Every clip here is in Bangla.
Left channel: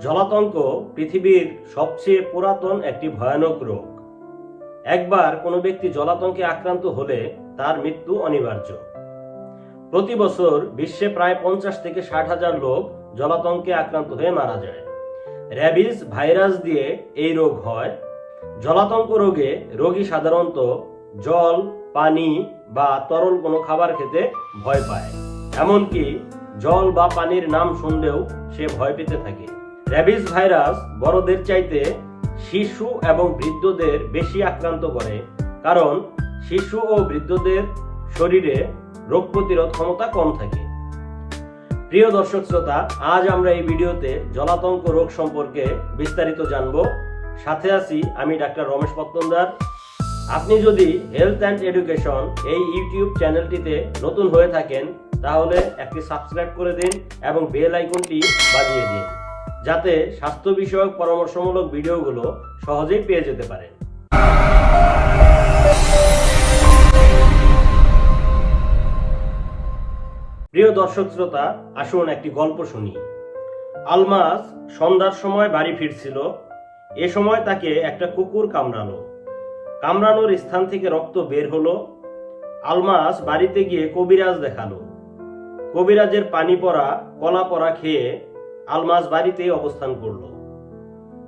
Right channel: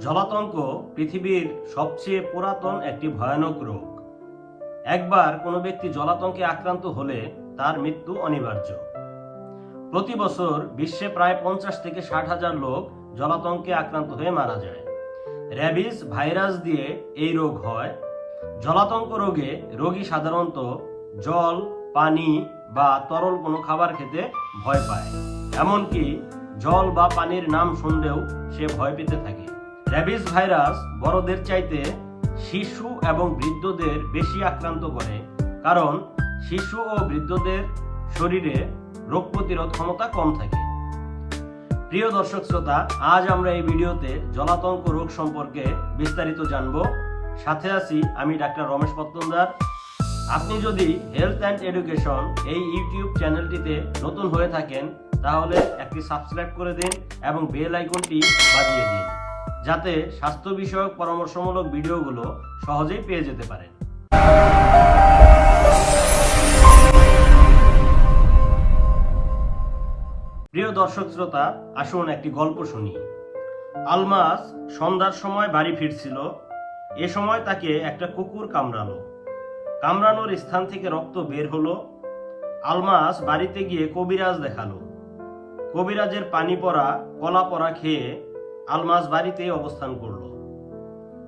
জলাতঙ্ক পৃথিবীর সবচেয়ে পুরাতন একটি ভয়ানক রোগ। একবার কোনো ব্যক্তি জলাতঙ্কে আক্রান্ত হলে তার মৃত্যু অনিবার্য। প্রতি বছর বিশ্বে প্রায় পঞ্চাশ থেকে ষাট হাজার লোক জলাতঙ্কে আক্রান্ত হয়ে মারা যায়। র্যাবিস ভাইরাস দিয়ে এই রোগ হয়। জলাতঙ্ক রোগে রোগী সাধারণত জল, পানি বা তরল কোনো খাবার খেতে ভয় পায়। এমনকি জল বা পানির নাম শুনলেও সে ভয় পেতে থাকে। র্যাবিস ভাইরাস বড়দের চাইতে শিশু এবং বৃদ্ধদের বেশি আক্রান্ত করে, কারণ শিশু ও বৃদ্ধদের শরীরে রোগ প্রতিরোধ ক্ষমতা কম থাকে। প্রিয় দর্শক শ্রোতা, আজ আমরা এই ভিডিওতে জলাতঙ্ক রোগ সম্পর্কে বিস্তারিত জানব। সাথে আছি আমি ডাক্তার রমেশ পত্তনদার। আপনি যদি হেলথ অ্যান্ড এডুকেশন এই ইউটিউব চ্যানেলটিতে নতুন হয়ে থাকেন, তাহলে একটি সাবস্ক্রাইব করে দিন এবং বেল আইকনটি বাজিয়ে দিন। যাতে স্বাস্থ্য বিষয়ক পরামর্শমূলক ভিডিওগুলো সহজেই পেয়ে যেতে পারেন। প্রিয় দর্শক শ্রোতা, আসুন একটি গল্প শুনি। আলমাস সন্ধ্যার সময় বাড়ি ফিরছিল। এ সময় তাকে একটা কুকুর কামড়ালো। কামড়ানোর স্থান থেকে রক্ত বের হলো। আলমাস বাড়িতে গিয়ে কবিরাজ দেখাল। কবিরাজের পানি পরা কলা পরা খেয়ে আলমাস বাড়িতেই অবস্থান করল।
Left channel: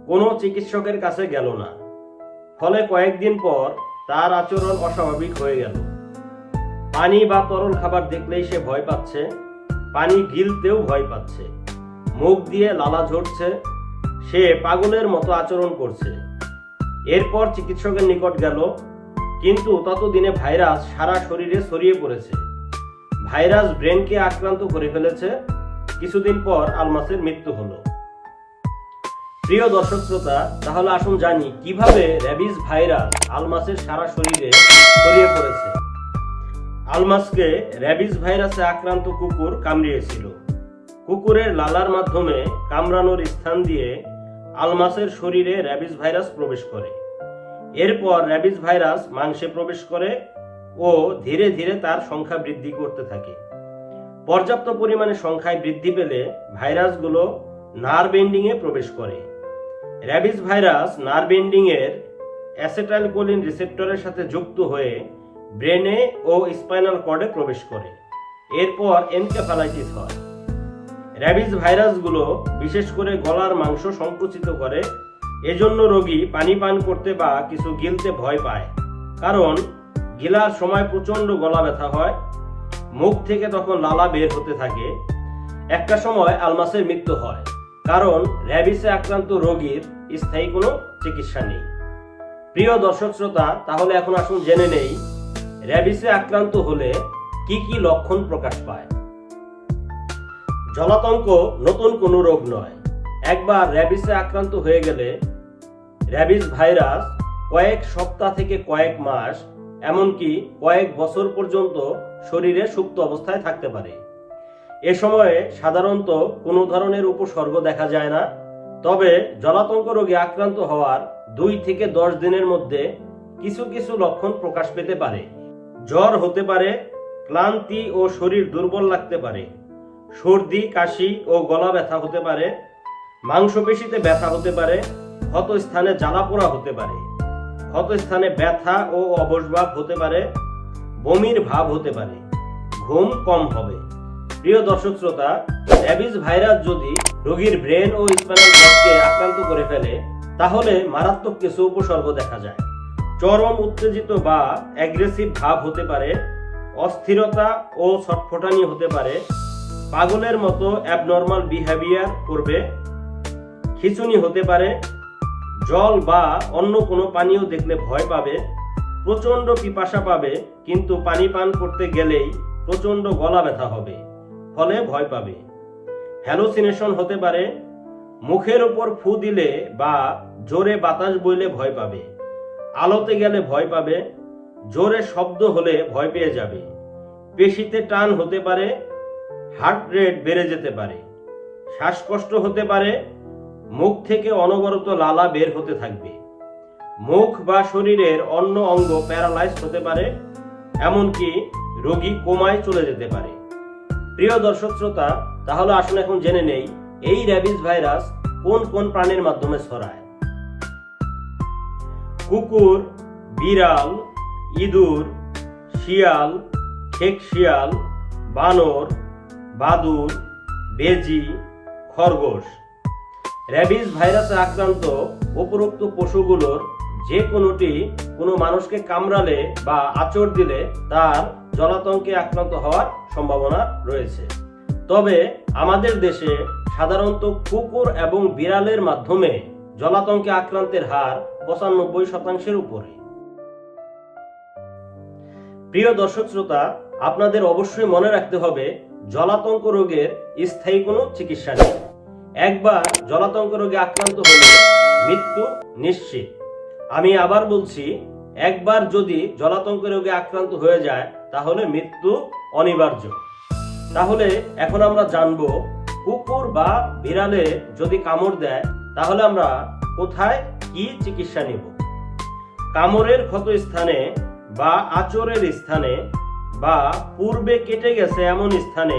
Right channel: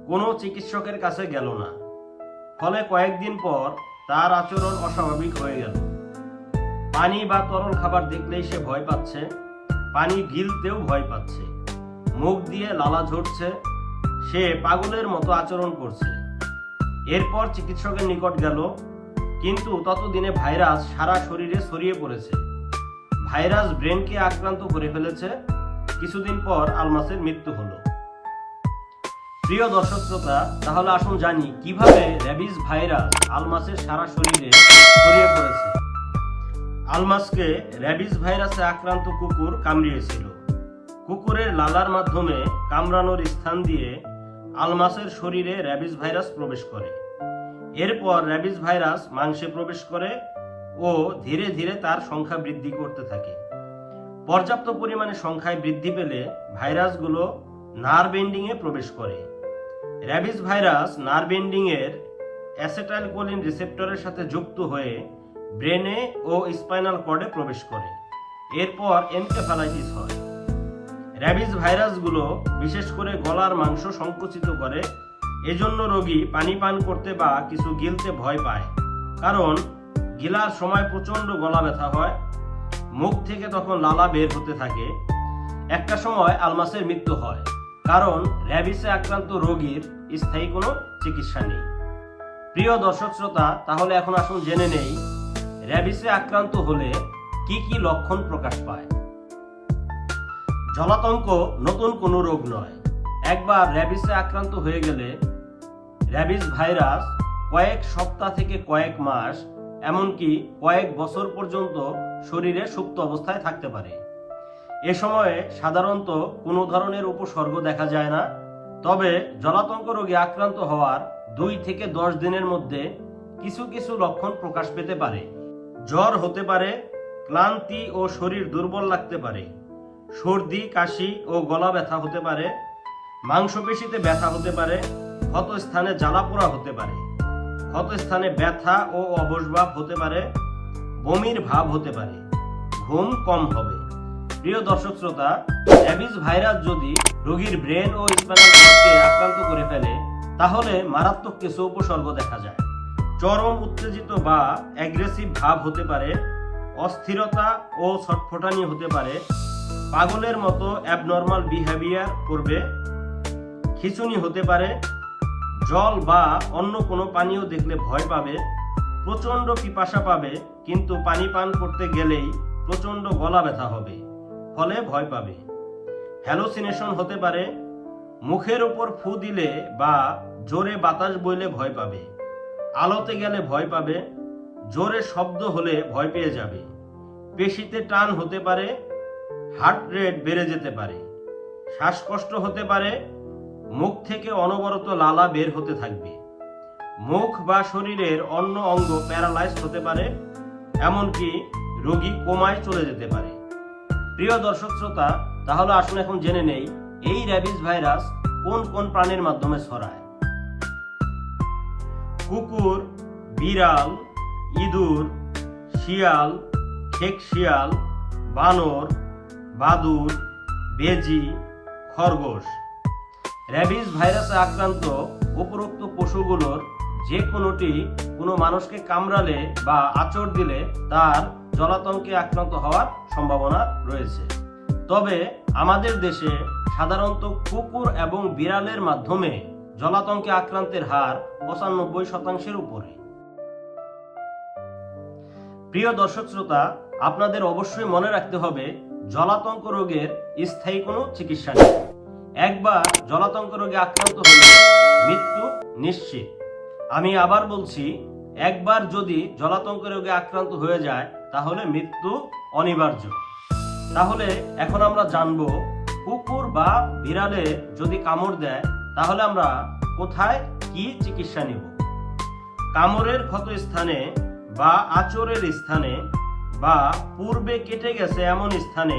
কোনো চিকিৎসকের কাছে গেল না। ফলে কয়েকদিন পর তার আচরণ অস্বাভাবিক হয়ে গেল। পানি বা তরল খাবার দেখলেই সে ভয় পাচ্ছে, পানি গিলতেও ভয় পাচ্ছে। মুখ দিয়ে লালা ঝরছে, সে পাগলের মতো আচরণ করছে। এরপর চিকিৎসকের নিকট গেল, কিন্তু ততদিনে ভাইরাস সারা শরীরে ছড়িয়ে পড়েছে। ভাইরাস ব্রেনকে আক্রান্ত করে ফেলেছে কিছুদিন পর আলমাসের মৃত্যু হলো। প্রিয় দর্শক শ্রোতা, তাহলে আসুন জানি কীভাবে র্যাবিস ভাইরাস আলমাসের সারা শরীরে ছড়িয়ে পড়েছে। আলমাসকে র্যাবিস ভাইরাসে আক্রান্ত কুকুর কামড়িয়েছিল। কুকুরের লালার মাধ্যমে কামড়ানোর স্থান দিয়ে আলমাসের শরীরে র্যাবিস ভাইরাস প্রবেশ করে। এরপর র্যাবিস ভাইরাস মাংসে প্রবেশ করে ও ধীরে ধীরে তার সংখ্যা বৃদ্ধি করতে থাকে। পর্যাপ্ত পরিমাণে সংখ্যায় বৃদ্ধি পেলে ভাইরাসগুলো নার্ভ এন্ডিংয়ে প্রবেশ করে। র্যাবিস ভাইরাস নার্ভ এন্ডিংয়ের অ্যাসেটাইলকোলিন রিসেপ্টরের সাথে যুক্ত হয়ে ব্রেনে ও স্পাইনাল কর্ডে প্রবেশ করে। এরপর এনকেফালাইটিস হয়। র্যাবিস ভাইরাসগুলো বিশেষ করে গলার মাংস সংকুচিত করে, এজন্য রোগী পানি পান করতে বা কিছু গিলতে ভয় পায়। কারণ গিলার সময় প্রচণ্ড গলা ব্যথা হয় মুখ থেকে তখন লালা বের হতে থাকে। একটা সময় আলমাসের মৃত্যু হয়, কারণ র্যাবিসে আক্রান্ত রোগীর স্থায়ী কোনো চিকিৎসা নেই। প্রিয় দর্শক শ্রোতা, তাহলে এখন আসুন জেনে নেই, র্যাবিসে আক্রান্ত হলে কি কি লক্ষণ প্রকাশ পায়। জলাতঙ্ক নতুন কোনো রোগ নয়। একবার র্যাবিসে আক্রান্ত হয়ে গেলে র্যাবিস ভাইরাস কয়েক সপ্তাহ থেকে কয়েক মাস, এমনকি কয়েক বছর পর্যন্ত শরীরে সুপ্ত অবস্থায় থাকতে পারে। এ সময়ে সাধারণত কোনো ধরনের উপসর্গ দেখা যায় না, তবে জলাতঙ্ক রোগে আক্রান্ত হওয়ার দুই থেকে দশ দিনের মধ্যে কিছু কিছু লক্ষণ প্রকাশ পেতে পারে। জ্বর হতে পারে, ক্লান্তি ও শরীর দুর্বল লাগতে পারে, সর্দি, কাশি ও গলা ব্যথা হতে পারে, মাংসপেশিতে ব্যথা হতে পারে ক্ষত স্থানে জ্বালা পোড়া হতে পারে ক্ষত স্থানে ব্যথা ও অবসভাব হতে পারে বমির ভাব হতে পারে। ঘুম কম হবে। প্রিয় দর্শক শ্রোতা র্যাবিস ভাইরাস যদি রোগীর ব্রেন ও স্পাইনাল কর্ডকে আক্রান্ত করে ফেলে, তাহলে মারাত্মক কিছু উপসর্গ দেখা যায়। চরম উত্তেজিত বা অ্যাগ্রেসিভ ভাব হতে পারে, অস্থিরতা ও ছটফটানি হতে পারে, পাগলের মতো অ্যাবনর্মাল বিহেভিয়ার করবে, খিচুনি হতে পারে, জল বা অন্য কোনো পানীয় দেখলে ভয় পাবে প্রচণ্ড পিপাসা পাবে, কিন্তু পানি পান করতে গেলেই প্রচণ্ড গলা ব্যথা হবে, ফলে ভয় পাবে। হ্যালোসিনেশন হতে পারে, মুখের ওপর ফু দিলে বা জোরে বাতাস বইলে ভয় পাবে। আলোতে গেলে ভয় পাবে, জোরে শব্দ হলে ভয় পেয়ে যাবে। পেশিতে টান হতে পারে, হার্ট রেট বেড়ে যেতে পারে। শ্বাসকষ্ট হতে পারে, মুখ থেকে অনবরত লালা বের হতে থাকবে। মুখ বা শরীরের অন্য অঙ্গ প্যারালাইজ হতে পারে, এমনকি রোগী কোমায় চলে যেতে পারে। প্রিয় দর্শক শ্রোতা, তাহলে আসুন এখন জেনে নেই, এই র্যাবিস ভাইরাস কোন কোন প্রাণীর মাধ্যমে ছড়ায়? কুকুর, বিড়াল, ইঁদুর, শিয়াল, খেক শিয়াল, বানর, বাদুর, বেজি, খরগোশ। র্যাবিস ভাইরাসে আক্রান্ত উপরোক্ত পশুগুলোর যে কোনোটি কোনো মানুষকে কামড়ালে বা আচর দিলে তার জলাতঙ্কে আক্রান্ত হওয়ার সম্ভাবনা রয়েছে। তবে আমাদের দেশে সাধারণত কুকুর এবং বিড়ালের মাধ্যমে জলাতঙ্কে আক্রান্তের হার পঁচানব্বই শতাংশের উপরে। প্রিয় দর্শক শ্রোতা, আপনাদের অবশ্যই মনে রাখতে হবে, জলাতঙ্ক রোগের স্থায়ী কোনো চিকিৎসা নেই। একবার জলাতঙ্ক রোগে আক্রান্ত হলে মৃত্যু নিশ্চিত। আমি আবার বলছি, একবার যদি জলাতঙ্ক রোগে আক্রান্ত হয়ে যায়, তাহলে মৃত্যু অনিবার্য। তাহলে এখন আমরা জানব, কুকুর বা বিড়ালে যদি কামড় দেয়, তাহলে আমরা কোথায় কি চিকিৎসা নেব? কামড়ের ক্ষত স্থানে বা আচরের স্থানে বা পূর্বে কেটে গেছে এমন স্থানে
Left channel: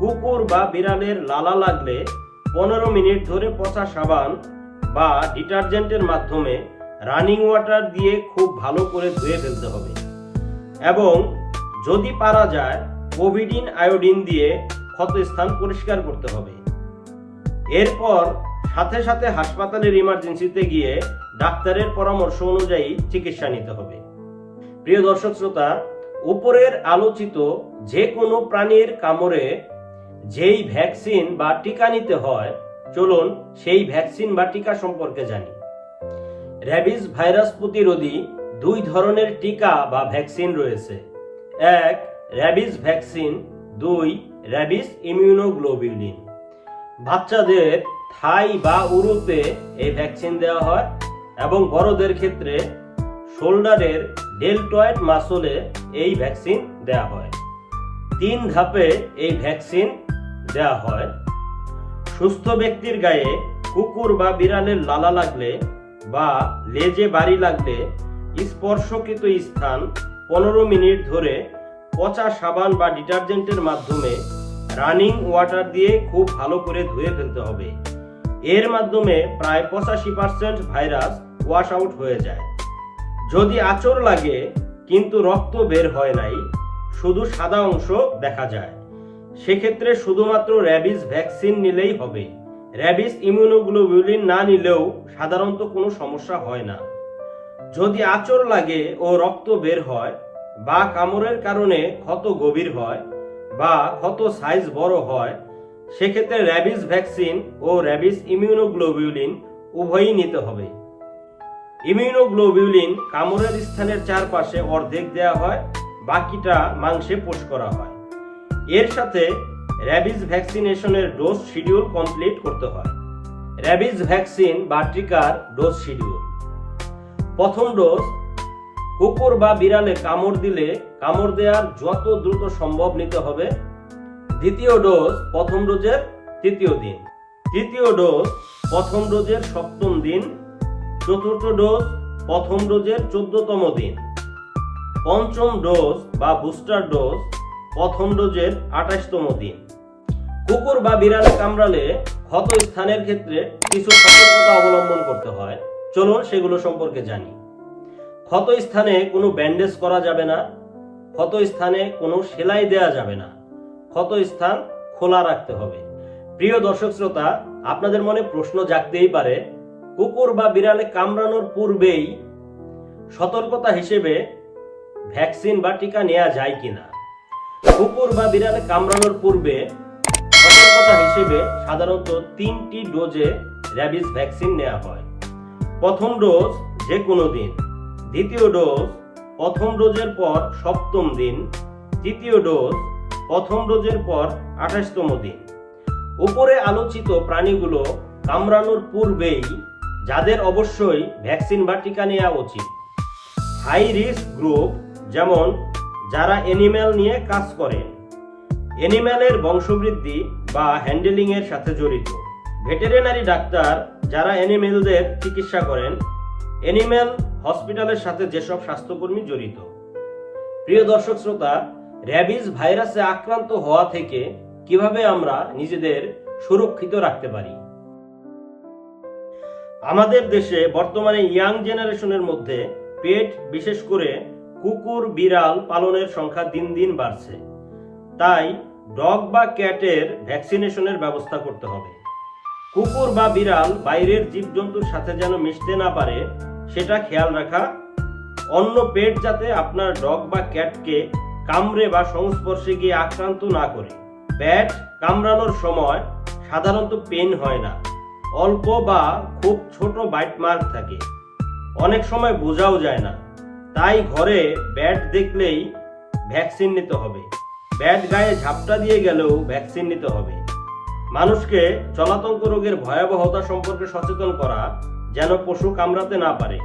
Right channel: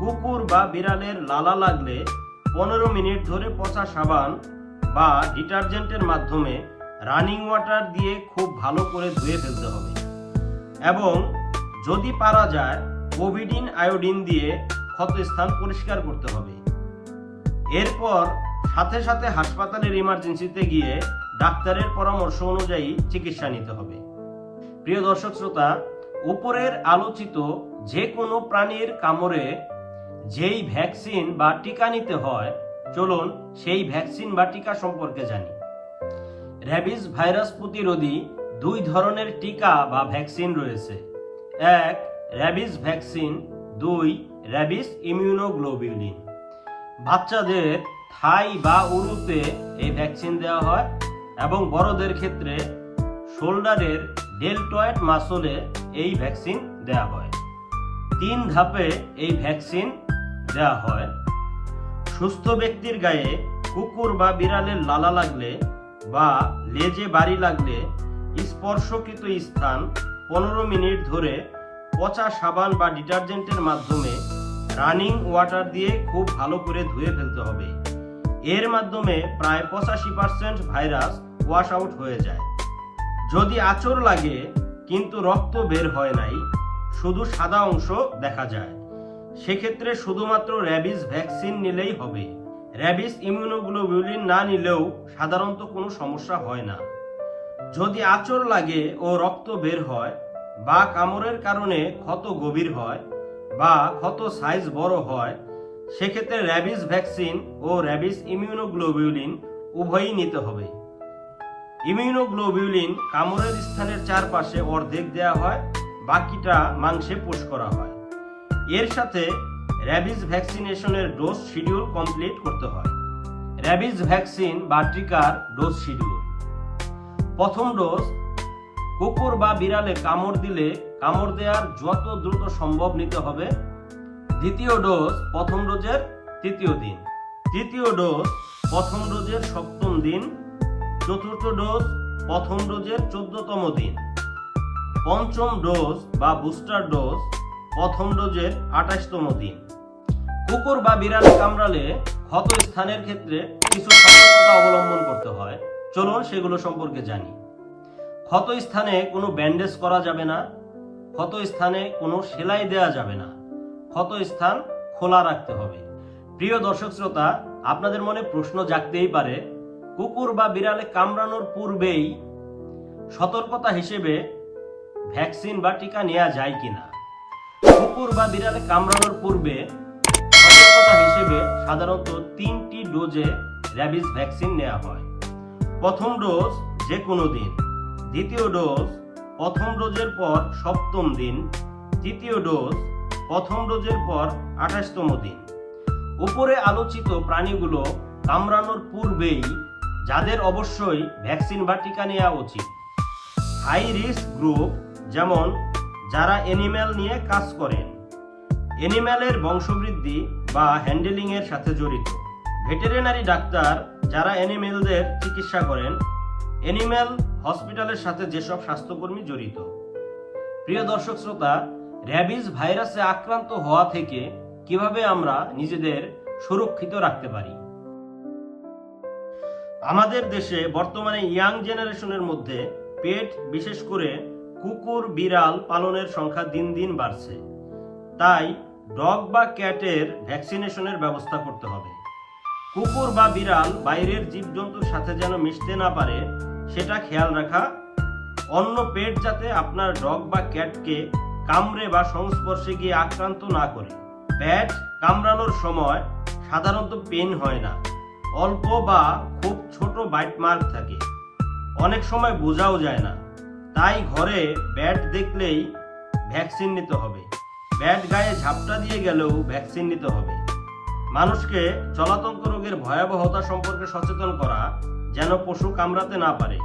কুকুর বা বিড়ালের লালা লাগলে পনেরো মিনিট ধরে পচা সাবান বা ডিটারজেন্টের মাধ্যমে রানিং ওয়াটার দিয়ে খুব ভালো করে ধুয়ে ফেলতে হবে। এবং যদি পারা যায়, কোভিডিন আয়োডিন দিয়ে ক্ষতস্থান পরিষ্কার করতে হবে। এরপর সাথে সাথে হাসপাতালের ইমার্জেন্সিতে গিয়ে ডাক্তারের পরামর্শ অনুযায়ী চিকিৎসা নিতে হবে। প্রিয় দর্শক শ্রোতা, উপরের আলোচিত যে কোনো প্রাণীর কামড়ে যেই ভ্যাকসিন বা টিকা নিতে হয়, চলুন সেই ভ্যাকসিন বা টিকা সম্পর্কে জানি। র্যাবিস ভাইরাস প্রতিরোধী দুই ধরনের টিকা বা ভ্যাকসিন রয়েছে। এক র্যাবিস ভ্যাকসিন, দুই র্যাবিস ইমিউনোগ্লোবিউলিন। বাচ্চাদের থাই বা উরুতে এই ভ্যাকসিন দেওয়া হয় এবং বড়দের ক্ষেত্রে শোল্ডারের ডেলটয়েড মাসলে এই ভ্যাকসিন দেওয়া হয়। তিন ধাপে এই ভ্যাকসিন দেওয়া হয়। সুস্থ ব্যক্তির গায়ে কুকুর বা বিড়ালের লালা লাগলে বা লেজে বাড়ি লাগলে স্পর্শকৃত স্থান পনেরো মিনিট ধরে পচা সাবান বা ডিটারজেন্টের মাধ্যমে রানিং ওয়াটার দিয়ে খুব ভালো করে ধুয়ে ফেলতে হবে। এর মাধ্যমে প্রায় পঁচাশি পার্সেন্ট ভাইরাস ওয়াশ আউট হয়ে যায়। যদি আচর লাগে, কিন্তু রক্ত বের হয় নাই, শুধু সাদা অংশ দেখা যায়। সেক্ষেত্রে শুধুমাত্র র্যাবিস ভ্যাকসিন নিলেই হবে। র্যাবিস ইমিউনোগ্লোবিউলিন না নিলেও সাধারণত কোনো সমস্যা হয় না। যদি আচর লাগে ও রক্ত বের হয় বা কামড়ের কারণে ক্ষত গভীর হয় বা ক্ষত সাইজ বড় হয়, সেক্ষেত্রে র্যাবিস ভ্যাকসিন ও র্যাবিস ইমিউনোগ্লোবিউলিন উভয়ই নিতে হবে। ইমিউনোগ্লোবিউলিন কামড়ের স্থানের চারপাশে অর্ধেক দেওয়া হয়, বাকিটা মাংসে পোষ করা হয়। এর সাথে র্যাবিস ভ্যাকসিনেশনের ডোজ শিডিউল কমপ্লিট করতে হয়। র্যাবিজ ভ্যাকসিন বা টিকার ডোজ শিডিউল। প্রথম ডোজ, কুকুর বা বিড়ালে কামড় দিলে কামড় দেওয়ার যত দ্রুত সম্ভব নিতে হবে। দ্বিতীয় ডোজ, প্রথম ডোজের তৃতীয় দিন। তৃতীয় ডোজ, প্রথম ডোজের সপ্তম দিন। চতুর্থ ডোজ, প্রথম ডোজের চোদ্দতম দিন। পঞ্চম ডোজ বা বুস্টার ডোজ, প্রথম ডোজের আঠাশতম দিন। কুকুর বা বিড়ালে কামড়ালে ক্ষত স্থানের ক্ষেত্রে কিছু সতর্কতা অবলম্বন করতে হয়। চলুন সেগুলো সম্পর্কে জানি। ক্ষত স্থানে কোনো ব্যান্ডেজ করা যাবে না ক্ষত স্থানে কোনো সেলাই দেওয়া যাবে না ক্ষত স্থান খোলা রাখতে হবে। প্রিয় দর্শক শ্রোতা, আপনাদের মনে প্রশ্ন জাগতেই পারে, কুকুর বা বিড়ালে কামড়ানোর পূর্বেই সতর্কতা হিসেবে ভ্যাকসিন বা টিকা নেওয়া যায় কিনা? কুকুর বা বিড়ালে কামড়ানোর পূর্বে হিসেবে সাধারণত তিনটি ডোজে র্যাবিস ভ্যাকসিন নেওয়া হয়। প্রথম ডোজ যে কোনো দিন, দ্বিতীয় ডোজ প্রথম ডোজের পর সপ্তম দিন, তৃতীয় ডোজ প্রথম ডোজের পর আঠাশতম দিন। উপরে আলোচিত প্রাণীগুলো কামড়ানোর পূর্বেই যাদের অবশ্যই ভ্যাকসিন বা টিকা নেওয়া উচিত। হাই রিস্ক গ্রুপ যেমন, যারা অ্যানিম্যাল নিয়ে কাজ করেন। অ্যানিম্যালের বংশবৃদ্ধি বা হ্যান্ডেলিং এর সাথে জড়িত। ভেটেরিনারি ডাক্তার যারা অ্যানিমেলদের চিকিৎসা করেন অ্যানিম্যাল হসপিটালের সাথে যেসব স্বাস্থ্যকর্মী জড়িত। প্রিয় দর্শক শ্রোতা র্যাবিস ভাইরাসে আক্রান্ত হওয়া থেকে কীভাবে আমরা নিজেদের সুরক্ষিত রাখতে পারি? আমাদের দেশে বর্তমানে ইয়াং জেনারেশনের মধ্যে পেট, বিশেষ করে কুকুর, বিড়াল পালনের সংখ্যা দিন দিন বাড়ছে। তাই ডগ বা ক্যাটের ভ্যাকসিনেশনের ব্যবস্থা করতে হবে। কুকুর বা বিড়াল বাইরের জীবজন্তুর সাথে যেন মিশতে না পারে, সেটা খেয়াল রাখা। অন্য পেট যাতে আপনার ডগ বা ক্যাটকে কামড়ে বা সংস্পর্শে গিয়ে আক্রান্ত না করে। ব্যাট কামড়ানোর সময় সাধারণত পেন হয় না। অল্প বা খুব ছোট বাইট মার্ক থাকে। অনেক সময় বোঝাও যায় না। তাই ঘরে ব্যাট দেখলেই ভ্যাকসিন নিতে হবে। ব্যাট গায়ে ঝাপটা দিয়ে গেলেও ভ্যাকসিন নিতে হবে। মানুষকে চলাতঙ্ক রোগের ভয়াবহতা সম্পর্কে সচেতন করা যেন পশু কামড়াতে না পারে।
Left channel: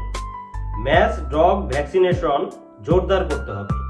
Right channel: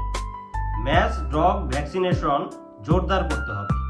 ম্যাচ ডগ ভ্যাকসিনেশন জোরদার করতে হবে।